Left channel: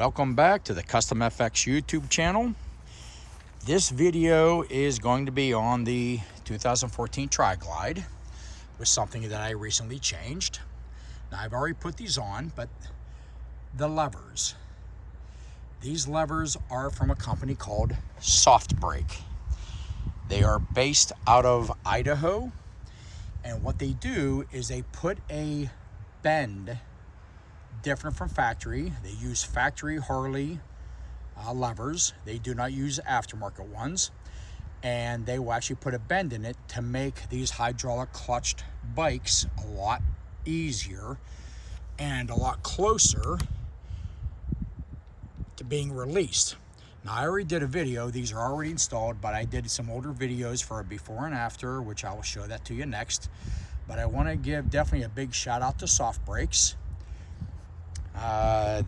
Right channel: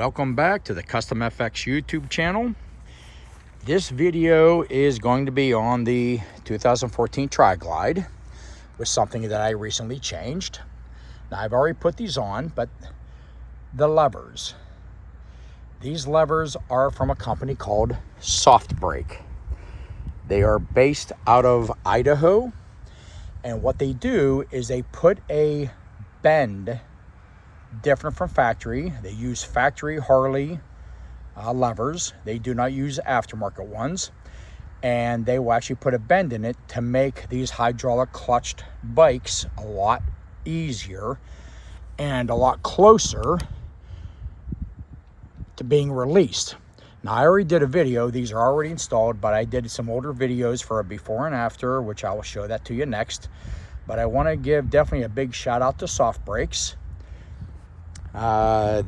Welcome back to the Custom FX YouTube channel. This video is going to be on the 2014 Tri-Glide with something that I recently changed. Now I've already put these on, but the levers. These levers are from a company called SoftBrake. They are based out of Idaho, and what they do is they put a bend different from factory. They use factory Harley levers. They do not use aftermarket ones, and they will actually put a bend in it to make these hydraulic clutched bikes a lot easier and a lot closer to being released. Now I already did a video, these are already installed, but I did some older videos for a before and after, which I will show that to you next. But I want to give definitely a big shout out to SoftBrakes.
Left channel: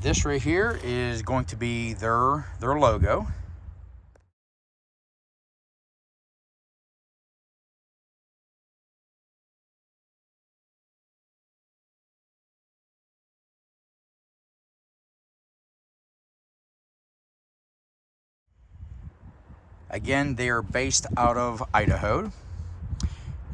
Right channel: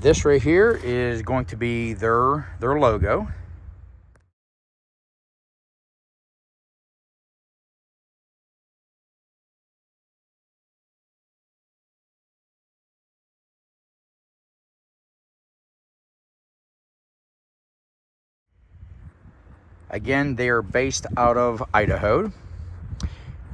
This right here is going to be their logo. Again, they are based out of Idaho.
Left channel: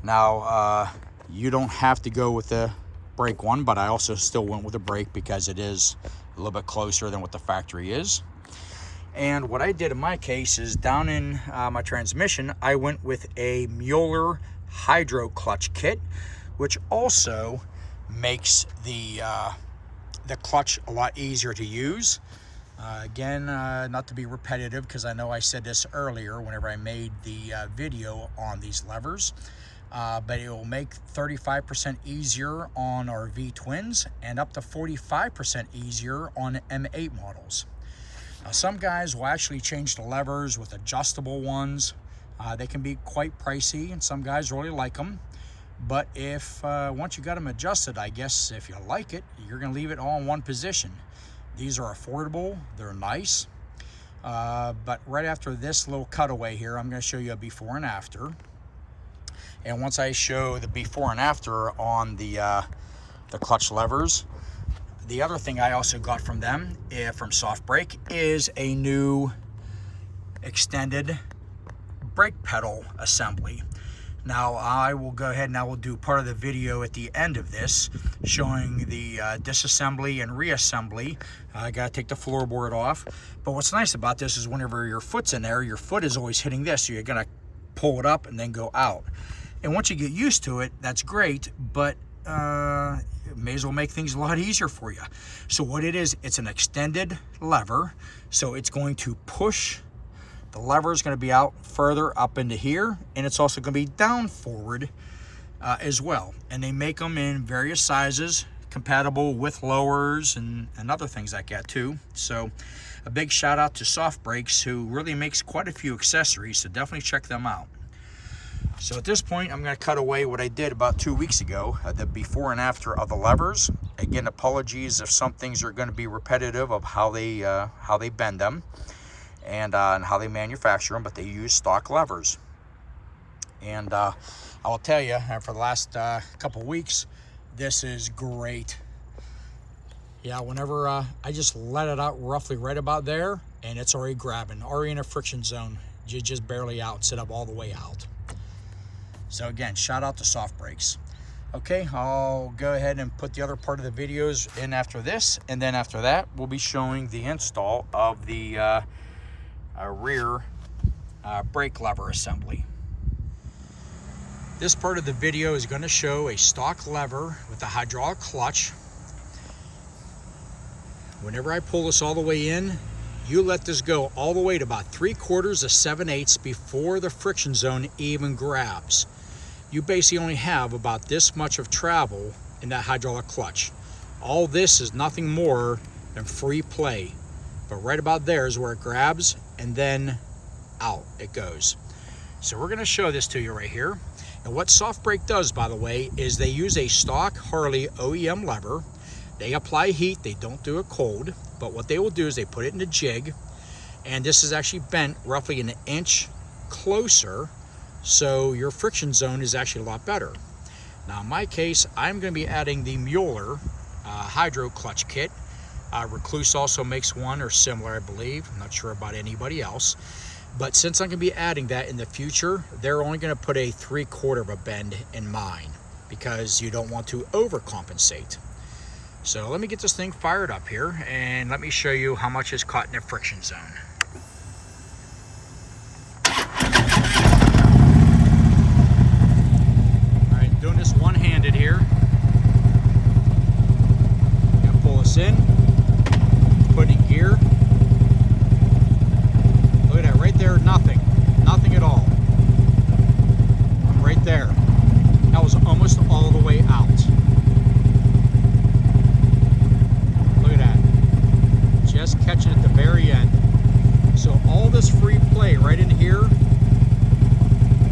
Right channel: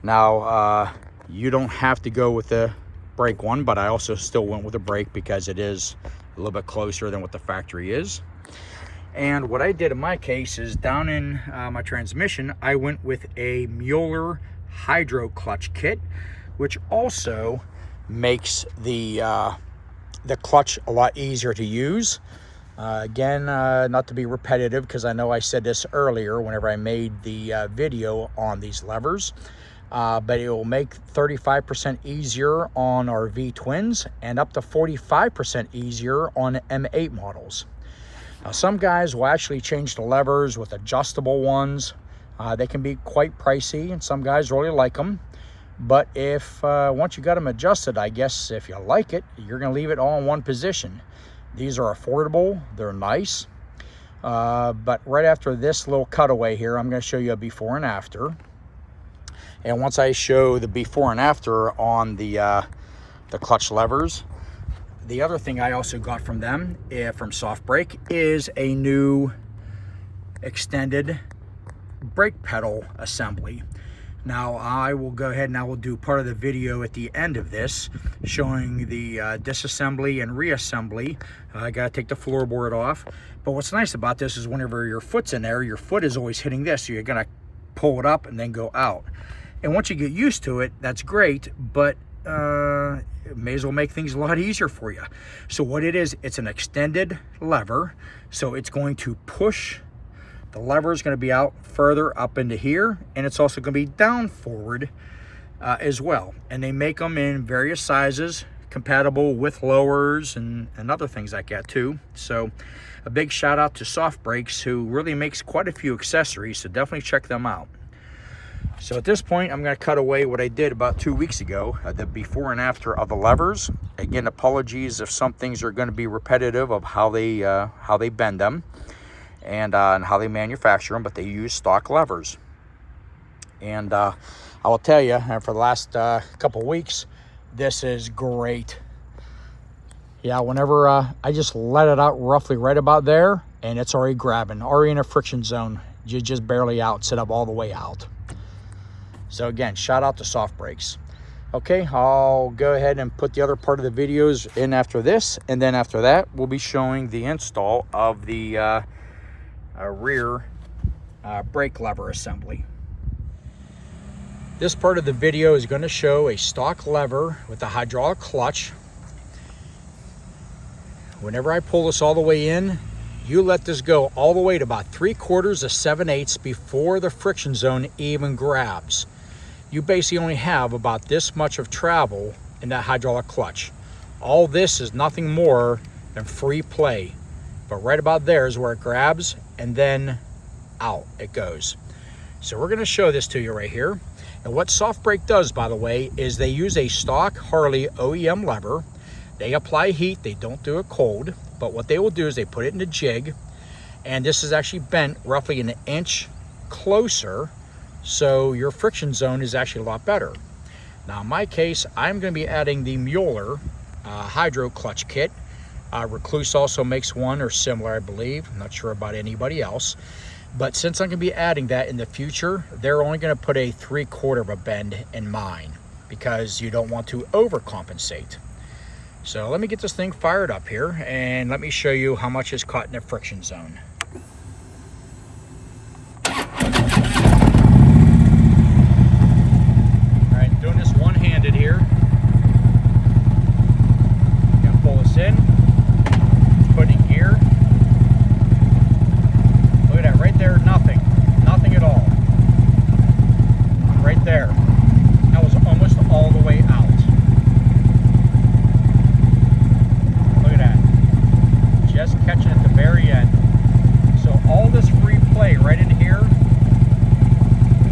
Now, you don't have to go with the brake one, but I also still went with a brake because it is a little bit closer than what the factory is. And what I did in my case is down in my transmission, I went with a Müller Hydro clutch kit, which also makes the clutch a lot easier to use. Again, not to be repetitive, because I know I said this earlier whenever I made the video on these levers, but it will make 35% easier on our V-twins and up to 45% easier on M8 models. Now, some guys will actually change the levers with adjustable ones. They can be quite pricey, and some guys really like them. But if once you got them adjusted, I guess if you like it, you're going to leave it all in one position. These are affordable, they're nice. But right after this little cutaway here, I'm going to show you a before and after. And once I show the before and after on the clutch levers, the other thing I also got from them, from SoftBrake, is a new extended brake pedal assembly. Now I will go ahead and I will do part of the video at the end of this showing the disassembly and reassembly. I gotta take the floorboard off. But what's nice about this is whenever your foot's in there, your foot is always hitting this, so you're gonna pull it up and then go out. And once you get used to it, that's great, but it may as well make things a lot easier for you. So what it is, it's an extended lever, so it's going to push. The lever is going to be out further up into here, and it's also going to be down forward as well. And they make them in various sizes, compatible with lowers and other things like that too. So a big shout out to SoftBrakes, who really makes quite a few accessories, so definitely check them out. So at this point, I'm going to cut away what I did about 2 weeks ago, the before and after of the levers. Again, apologies if some things are going to be repetitive of how they bend them and how they manufacture them, but they use stock levers. And I will tell you, for the last couple weeks, this is great. Yeah, whenever I just let it out roughly right about there, and it's already grabbing, already in a friction zone. You're just barely out, set up all the way out. So again, shout out to SoftBrakes. Okay, I'll go ahead and put the other part of the videos in after this, and then after that, we'll be showing the install of the rear brake lever assembly. This part of the video is going to show a stock lever with a hydraulic clutch. Whenever I pull this all the way in, you let this go all the way to about 3/4 to 7/8 before the friction zone even grabs. You basically only have about this much of travel in that hydraulic clutch. All this is nothing more than free play. But right about there is where it grabs, and then out it goes. So we're going to show this to you right here. And what SoftBrake does, by the way, is they use a stock Harley OEM lever. They apply heat, they don't do it cold, but what they will do is they put it in a jig, and this is actually bent roughly an inch closer, so your friction zone is actually a lot better. Now in my case, I'm going to be adding the Müller Hydro clutch kit, Recluse also makes one or similar, I believe. I'm not sure about anybody else. But since I'm going to be adding that in the future, they're only going to put a 3/4 of a bend in mine because you don't want to overcompensate. So let me get this thing fired up here and let me show you how much is caught in the friction zone. All right, doing this one-handed here. Gonna pull this in, put it in gear. Look at that, right there, nothing at all. Right there. That was almost all the way out. Just catching at the very end. So all this free play right in here,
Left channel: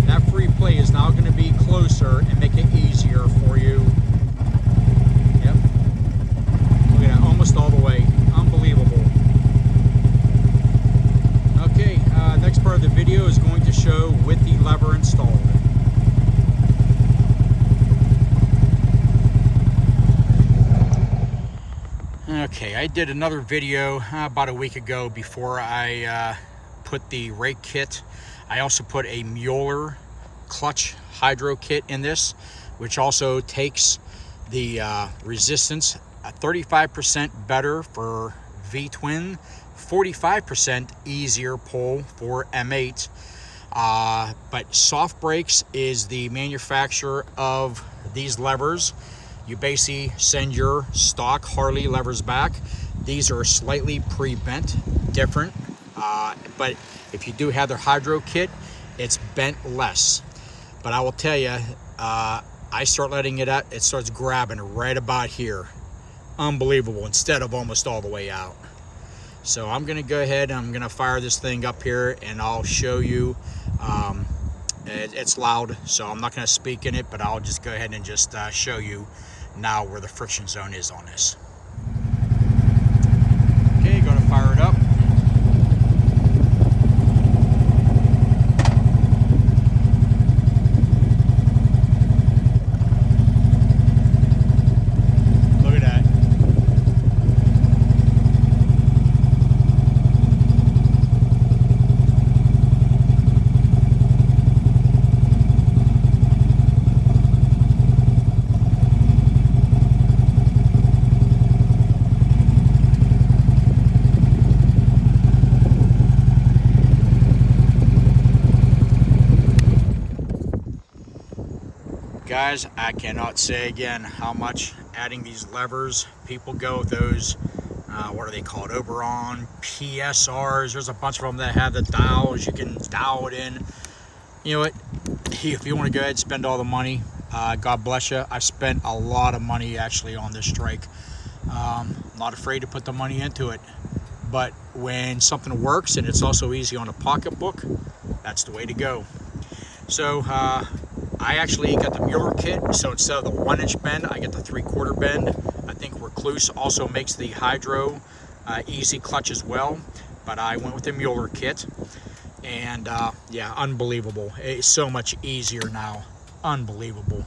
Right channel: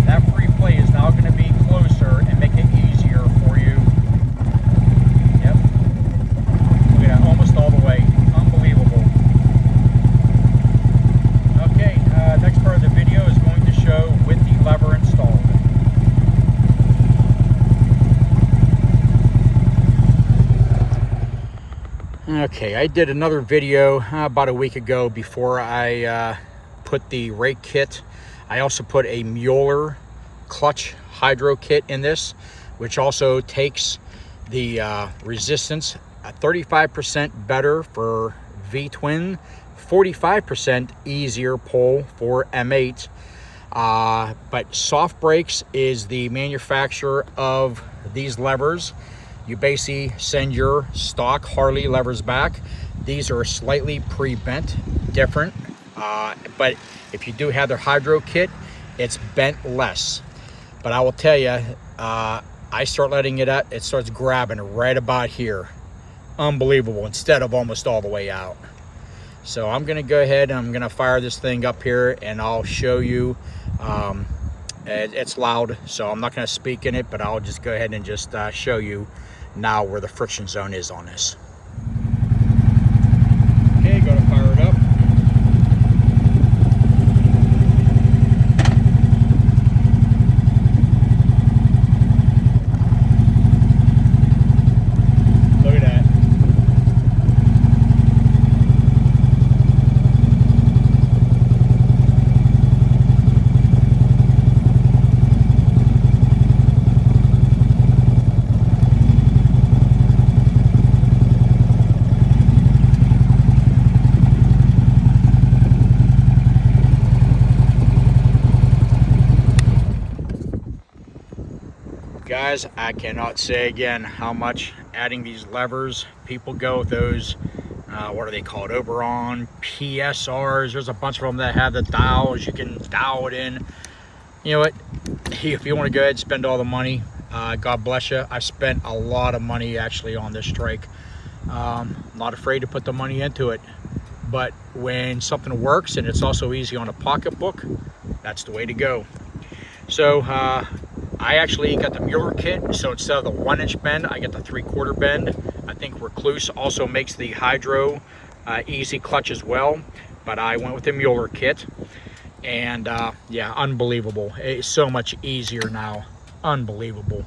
that free play is now going to be closer and make it easier for you. Yep. Look at that, almost all the way. Unbelievable. Okay, next part of the video is going to show with the lever installed. Okay, I did another video about a week ago before I put the rake kit. I also put a Müller clutch hydro kit in this, which also takes the resistance 35% better for V-twin, 45% easier pull for M8. But SoftBrake is the manufacturer of these levers. You basically send your stock Harley levers back. These are slightly pre-bent, different, but if you do have their hydro kit, it's bent less. But I will tell you, I start letting it out, it starts grabbing right about here. Unbelievable, instead of almost all the way out. So I'm gonna go ahead and I'm gonna fire this thing up here and I'll show you. It's loud, so I'm not gonna speak in it, but I'll just go ahead and just show you now where the friction zone is on this. Okay, go to fire it up. Look at that. Guys, I cannot say again how much adding these levers, people go with those, what are they called, Oberon, PSRs, there's a bunch of them that have the dials, you can dial it in. You know what, if you want to go ahead and spend all the money, God bless you. I spent a lot of money actually on this strike. I'm not afraid to put the money into it, but when something works and it's also easy on a pocketbook, that's the way to go. So I actually got the Müller kit, so instead of the 1-inch bend, I get the 3/4 bend. I think Recluse also makes the Hydro easy clutch as well, but I went with the Müller kit, and yeah, unbelievable. It's so much easier now, unbelievable.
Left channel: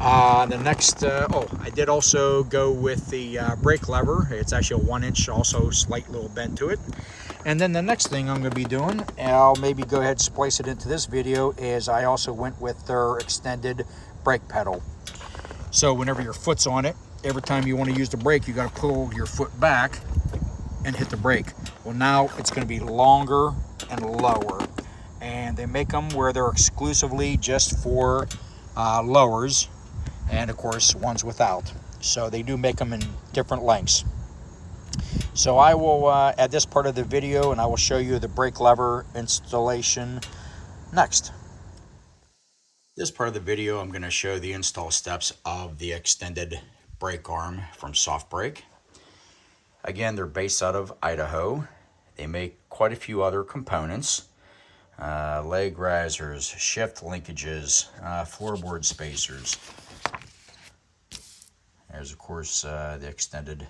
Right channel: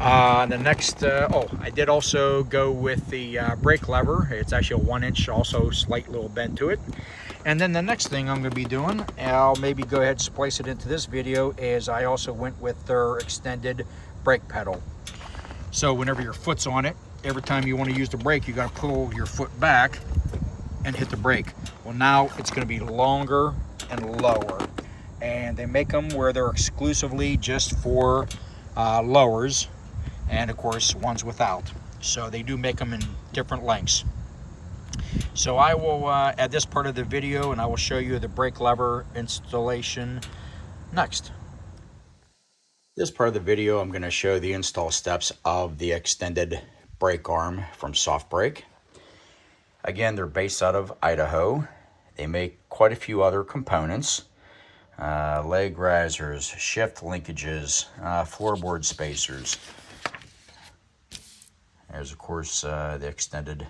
The next, oh, I did also go with the brake lever. It's actually a 1-inch, also slight little bend to it. And then the next thing I'm going to be doing, and I'll maybe go ahead and splice it into this video, is I also went with their extended brake pedal. So whenever your foot's on it, every time you want to use the brake, you got to pull your foot back and hit the brake. Well, now it's going to be longer and lower. And they make them where they're exclusively just for lowers, and of course ones without. So they do make them in different lengths. So I will add this part of the video and I will show you the brake lever installation next. This part of the video, I'm going to show the install steps of the extended brake arm from SoftBrake. Again, they're based out of Idaho. They make quite a few other components. Leg risers, shift linkages, floorboard spacers. There's of course the extended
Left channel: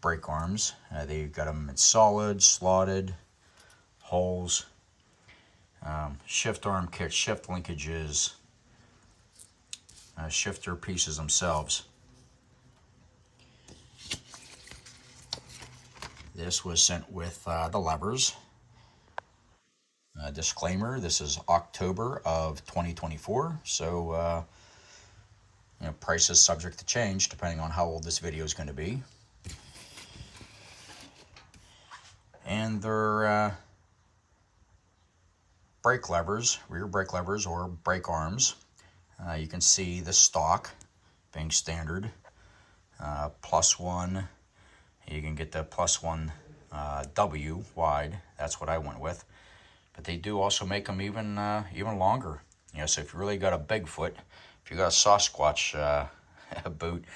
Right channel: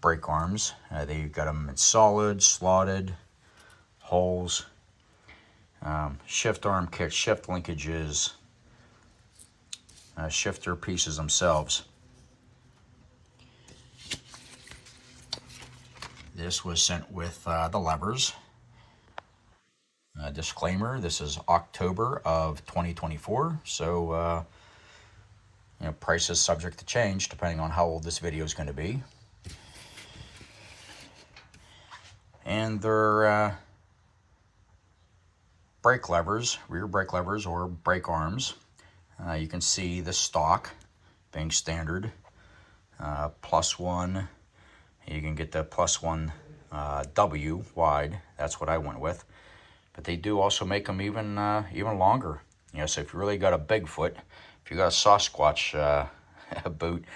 brake arms. They've got them in solid, slotted, holes, shift arm kits, shift linkages, shifter pieces themselves. This was sent with the levers. Disclaimer, this is October of 2024, so you know, price is subject to change depending on how old this video is going to be. And they're brake levers, rear brake levers or brake arms. You can see the stock being standard, +1. You can get the +1 W wide. That's what I went with. But they do also make them even longer. You know, so if you really got a Bigfoot, if you got a Sasquatch boot,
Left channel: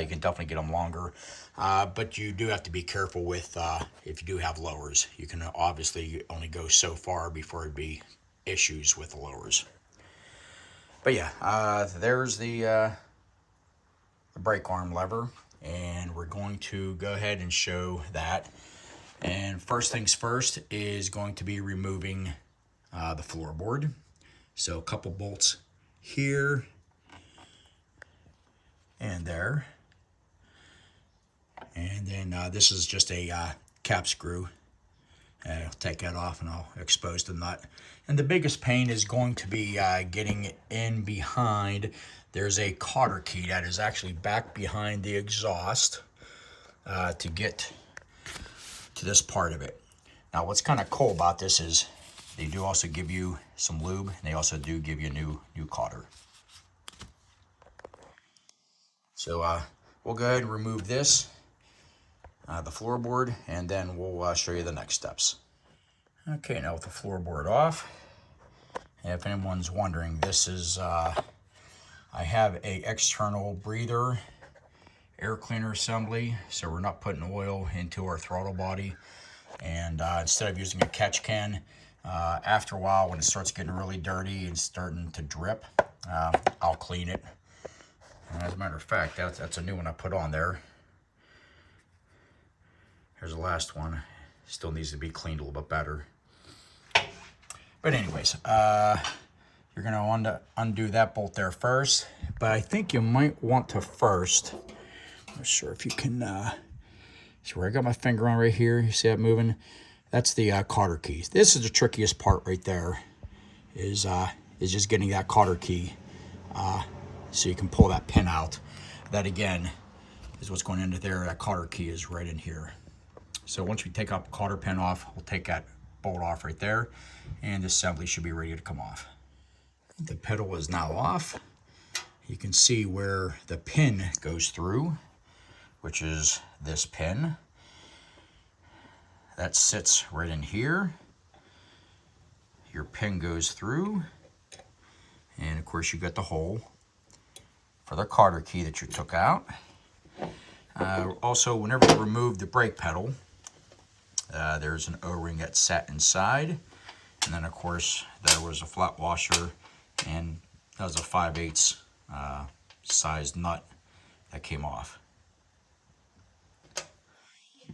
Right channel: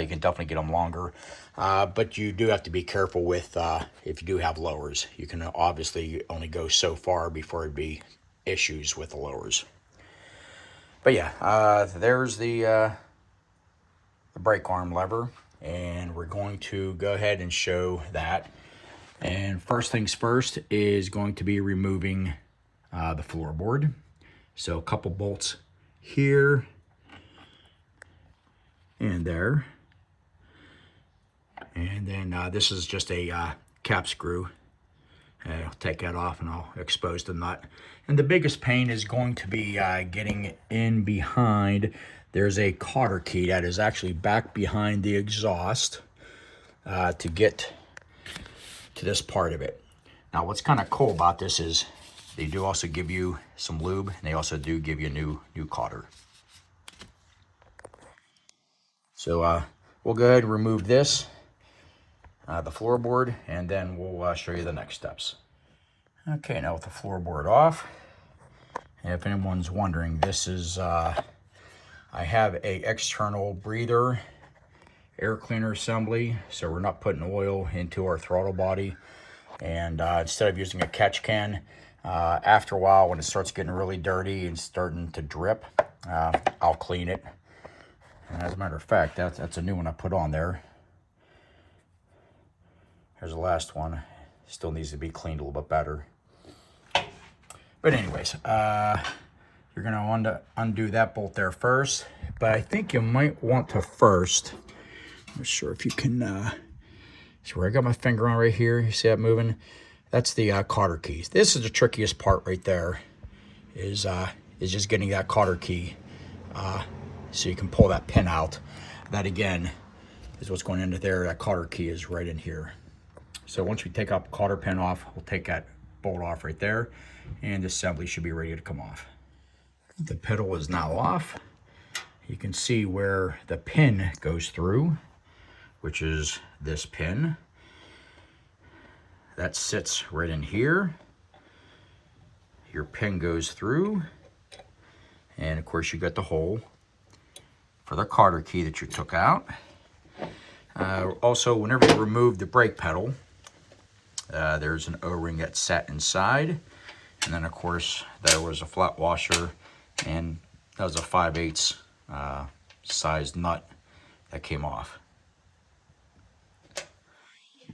you can definitely get them longer. But you do have to be careful with if you do have lowers. You can obviously only go so far before it'd be issues with the lowers. But yeah, there's the brake arm lever, and we're going to go ahead and show that. And first things first is going to be removing the floorboard. So a couple bolts here and there. And then this is just a cap screw. And I'll take that off and I'll expose the nut. And the biggest pain is going to be getting in behind. There's a cotter key that is actually back behind the exhaust to get to this part of it. Now what's kind of cool about this is they do also give you some lube, and they also do give you a new cotter. So we'll go ahead and remove this, the floorboard, and then we'll show you the next steps. Okay, now with the floorboard off, and if anyone's wondering, this is I have a external breather air cleaner assembly, so we're not putting oil into our throttle body. And instead of using a catch can, after a while when it starts getting really dirty and starting to drip, I'll clean it. And as a matter of fact, that's a new one I put on there. Here's the last one. Still needs to be cleaned a little bit better. But anyways, you're going to undo that bolt there first. But I think you might want to first, I'm not sure if you can, see where I got my finger on right here. You see that moving? That's the cotter keys. This is the trickiest part right there, is just getting that cotter key so you can pull that pin out. That again is what's going into there. That cotter key is right in here. So once we take out the cotter pin off, we'll take that bolt off right there, and the assembly should be ready to come off. The pedal is now off. You can see where the pin goes through, which is this pin. That sits right in here. Your pin goes through, and of course you got the hole for the cotter key that you took out. Also, whenever you remove the brake pedal, there's an O-ring that sat inside, and then of course there was a flat washer, and that was a 5/8 size nut that came off.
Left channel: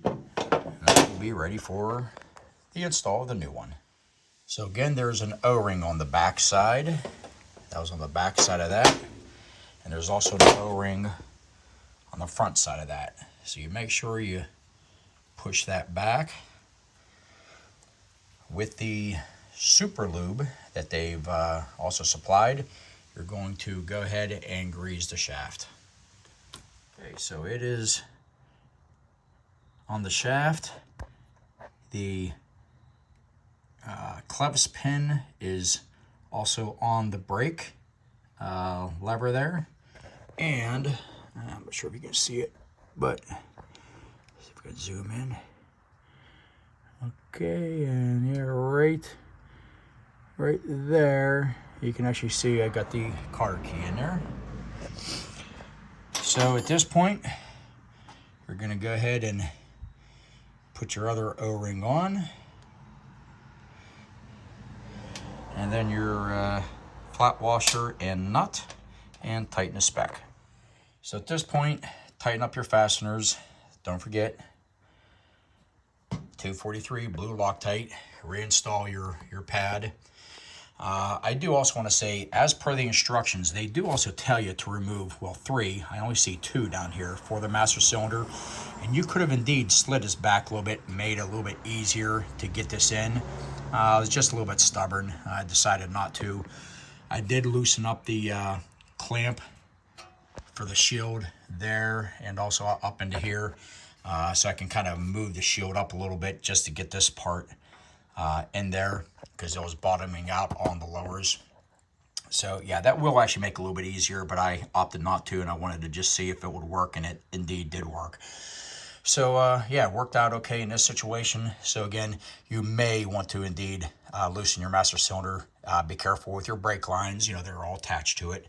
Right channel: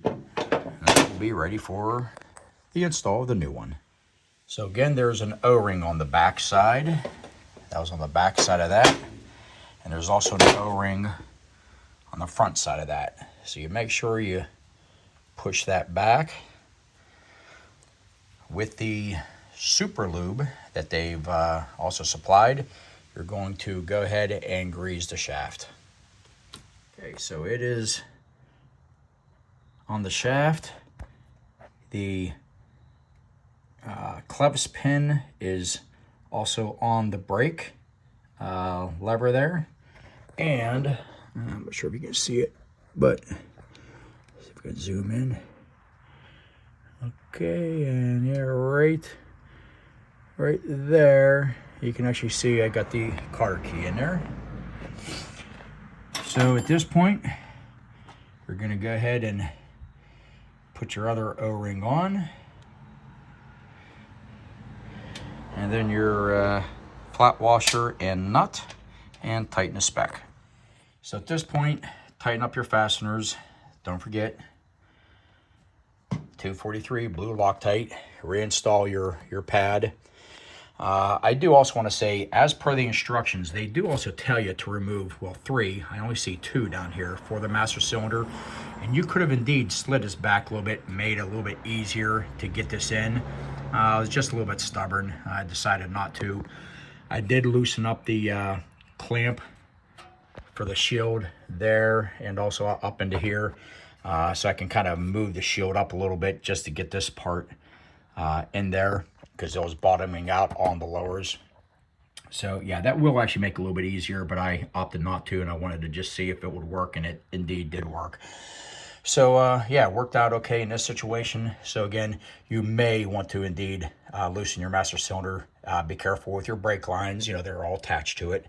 That will be ready for the install of the new one. So again, there's an O-ring on the back side. That was on the back side of that, and there's also an O-ring on the front side of that. So you make sure you push that back. With the super lube that they've also supplied, you're going to go ahead and grease the shaft. Okay, so it is on the shaft. The clevis pin is also on the brake lever there. And I'm not sure if you can see it, but see if we can zoom in. Okay, and yeah, right there, you can actually see I got the cotter key in there. So at this point, you're going to go ahead and put your other O-ring on, and then your flat washer and nut, and tighten the spec. So at this point, tighten up your fasteners. Don't forget 243 blue Loctite. Reinstall your pad. I do also want to say, as per the instructions, they do also tell you to remove, well, 3. I only see 2 down here for the master cylinder, And you could have indeed slid this back a little bit, made it a little bit easier to get this in. I was just a little bit stubborn. I decided not to. I did loosen up the clamp for the shield there and also up into here. So I can kind of move the shield up a little bit just to get this part in there, because it was bottoming out on the lowers. So yeah, that will actually make it a little bit easier, but I opted not to, and I wanted to just see if it would work, and it indeed did work. So yeah, it worked out okay in this situation. So again, you may want to indeed loosen your master cylinder. Be careful with your brake lines, you know, they're all attached to it.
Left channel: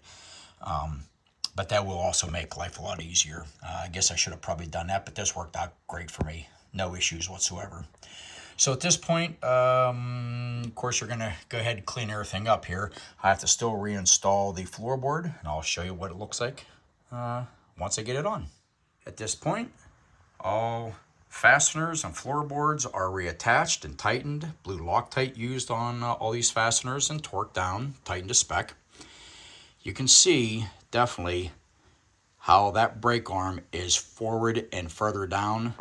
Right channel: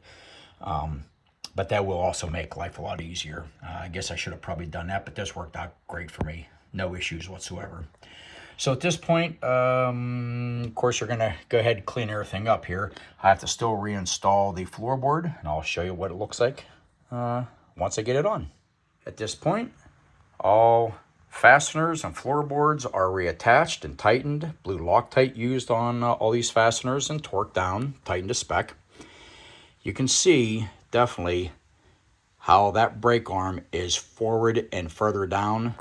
But that will also make life a lot easier. I guess I should have probably done that, but this worked out great for me. No issues whatsoever. So at this point, of course, you're going to go ahead and clean everything up here. I have to still reinstall the floorboard, and I'll show you what it looks like once I get it on. At this point, all fasteners and floorboards are reattached and tightened. Blue Loctite used on all these fasteners and torqued down, tightened to spec. You can see definitely how that brake arm is forward and further down.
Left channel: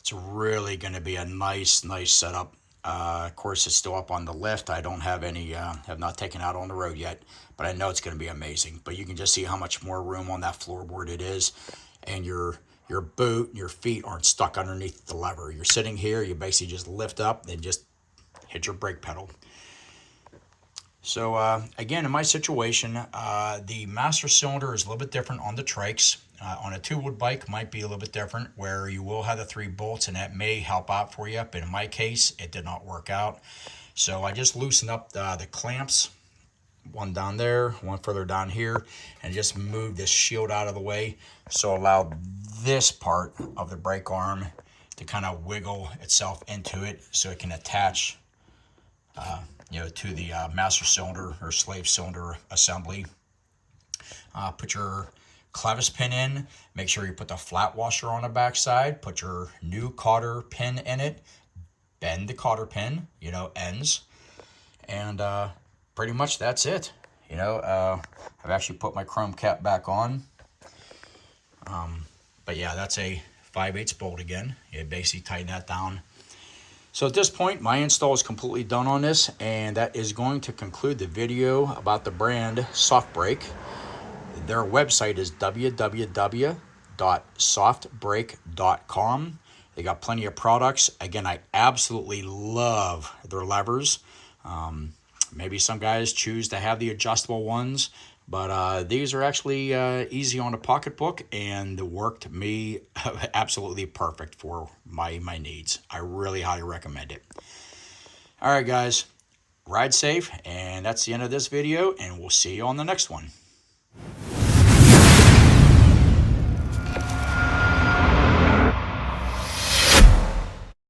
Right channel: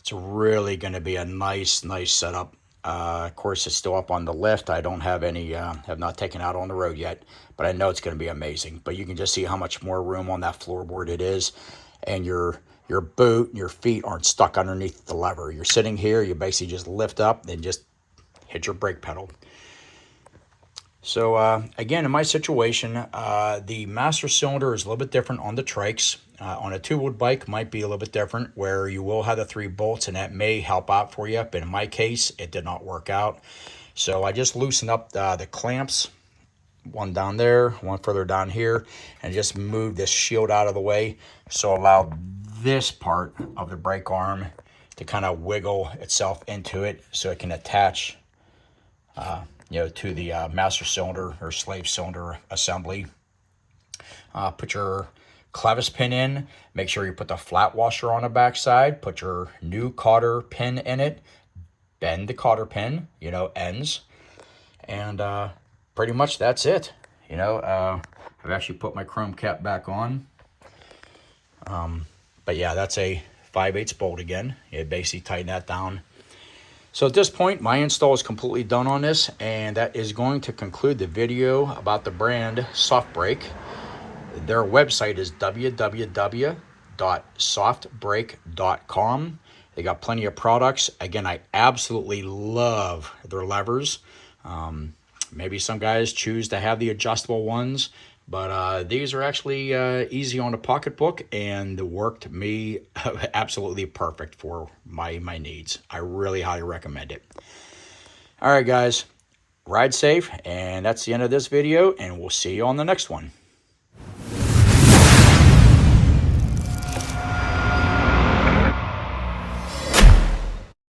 It's really going to be a nice setup. Of course, it's still up on the lift. I don't have any, have not taken out on the road yet, but I know it's going to be amazing. But you can just see how much more room on that floorboard it is, and your boot and your feet aren't stuck underneath the lever. You're sitting here, you basically just lift up and just hit your brake pedal. So again, in my situation, the master cylinder is a little bit different on the trikes. On a two-wheel bike might be a little bit different, where you will have the 3 bolts, and that may help out for you. But in my case, it did not work out. So I just loosened up the clamps, one down there, one further down here, and just moved this shield out of the way. So allow this part of the brake arm to kind of wiggle itself into it, so it can attach you know, to the master cylinder or slave cylinder assembly. Put your clevis pin in. Make sure you put the flat washer on the back side. Put your new cotter pin in it. Bend the cotter pin, you know, ends. And pretty much that's it. You know, I've actually put my chrome cap back on. But yeah, that's a 5/8 bolt again. You basically tighten that down. So at this point, my install is completely done on this, and that is going to conclude the video about the brand SoftBrake. Their website is www.softbrake.com. They got plenty of products. Again, I absolutely love their levers. Maybe some guys choose to have the adjustable ones, but these are actually easy on a pocketbook, and worked me absolutely perfect for my needs. I really highly recommend it. All right, guys, ride safe, and that's the end of this video, and we'll see you on the next one.